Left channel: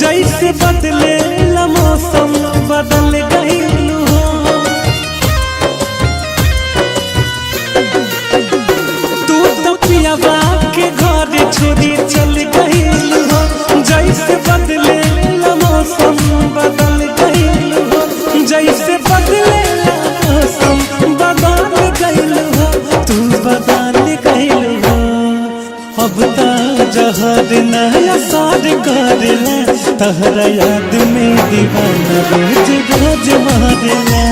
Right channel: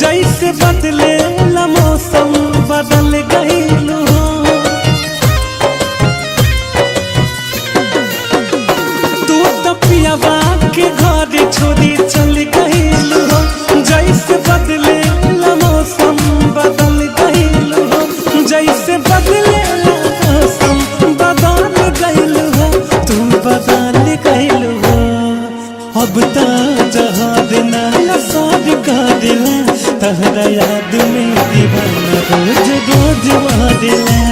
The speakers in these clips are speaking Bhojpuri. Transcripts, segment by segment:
जैसे बदले ला मौसम बदल गईलू हो। तू तो पियाबा के घर छोड़ी चल गईलू हो। जैसे बदले ला मौसम बदल गईलू हो। जैसे बदले ला मौसम बदल गईलू हो। तू बदल गईलू हो। अब तो जहां नया सार करेला तहरा याद में दीवाना रोज रोज मारेला।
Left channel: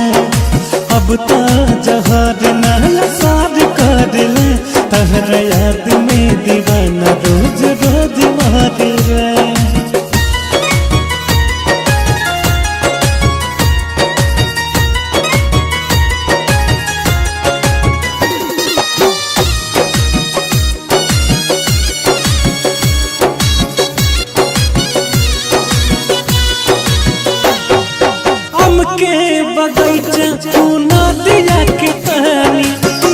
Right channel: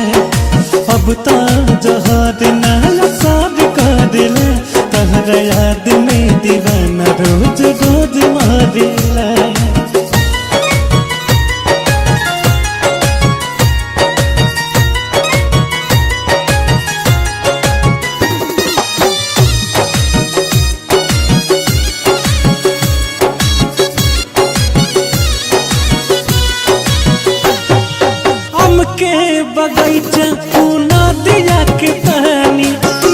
अब तो जहां नया सार करेला तहरा याद में दीवाना रोज रोज मारेला। के बगैचा नदिया के पानी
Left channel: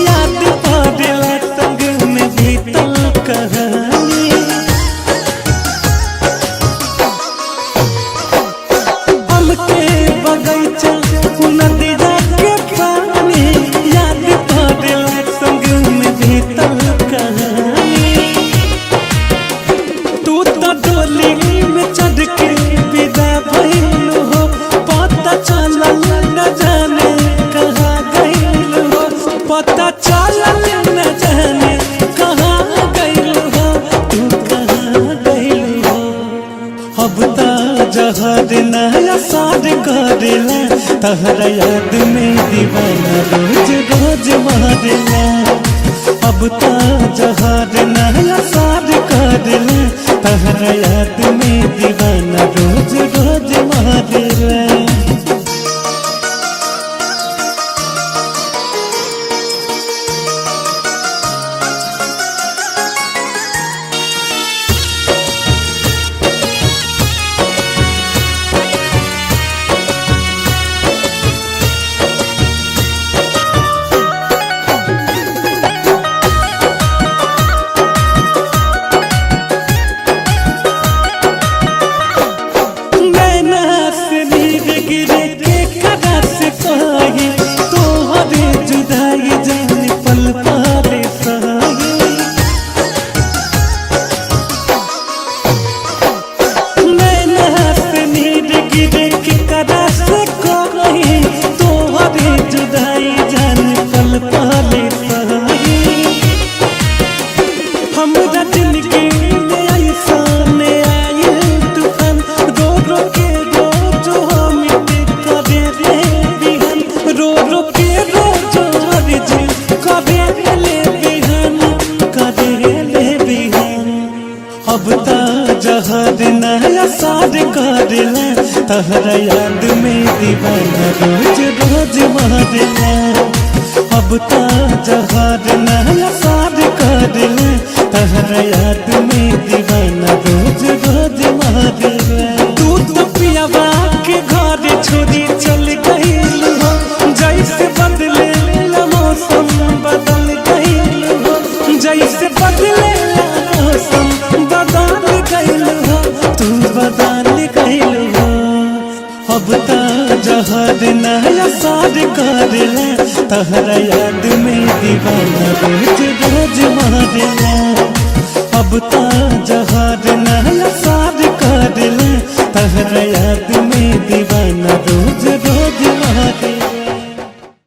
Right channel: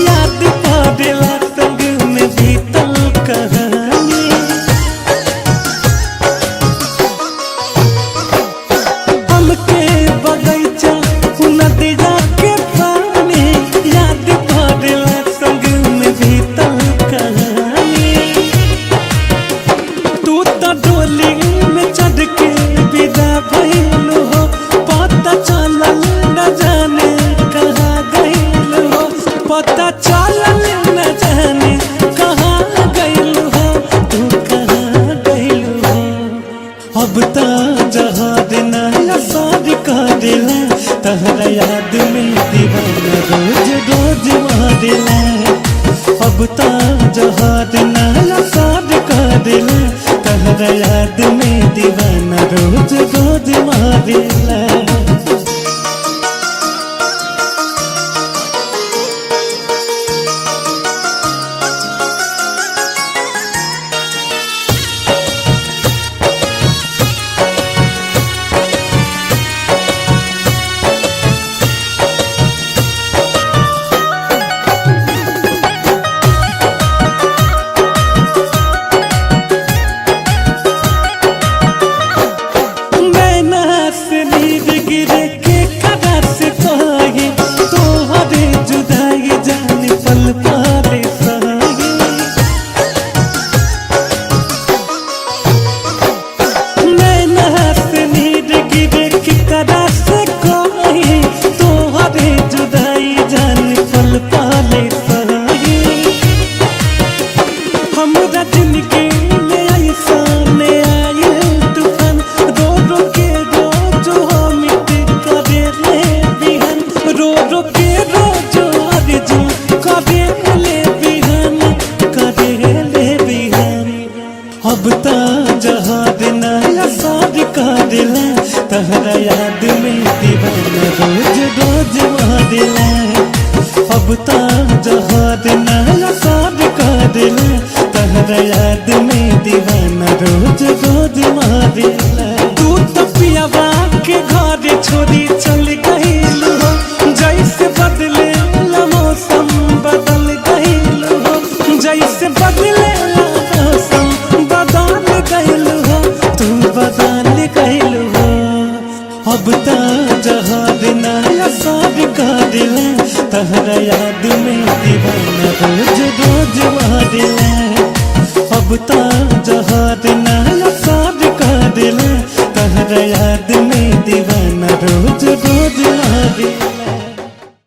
याद पड़ेला संग में बीतल कहानी। हमके बगैचा नदिया के पानी याद पड़ेला संग में बीतल कहानी। तू तो डोली में चढ़ के विदा भइलू हो। पता चलल न जाने कहाँ गइल हो। पता चलल न जाने कहाँ गइल हो। तू कहाँ गइल हो। अब तो जहां नया सार करेला तहरा याद में दीवाना रोज रोज मारेला। अब तो जहां नया सार करेला तहरा याद में दीवाना रोज रोज मारेला। गिरे के कदा से कही तोहरे जुदाई जान पल पाले सही। नैना से नीर गिरे के कदा से कही तोहरे जुदाई जान पल पाले सही। हमरा जिंदगी में ऐसा ने आए तूफान रो रो के रो रो के रोजो अर्जुन करे ले बिहान करे ले बिहान। अब तो जहां नया सार करेला तहरा याद में दीवाना रोज रोज मारेला। अब तो जहां नया सार करेला तहरा याद में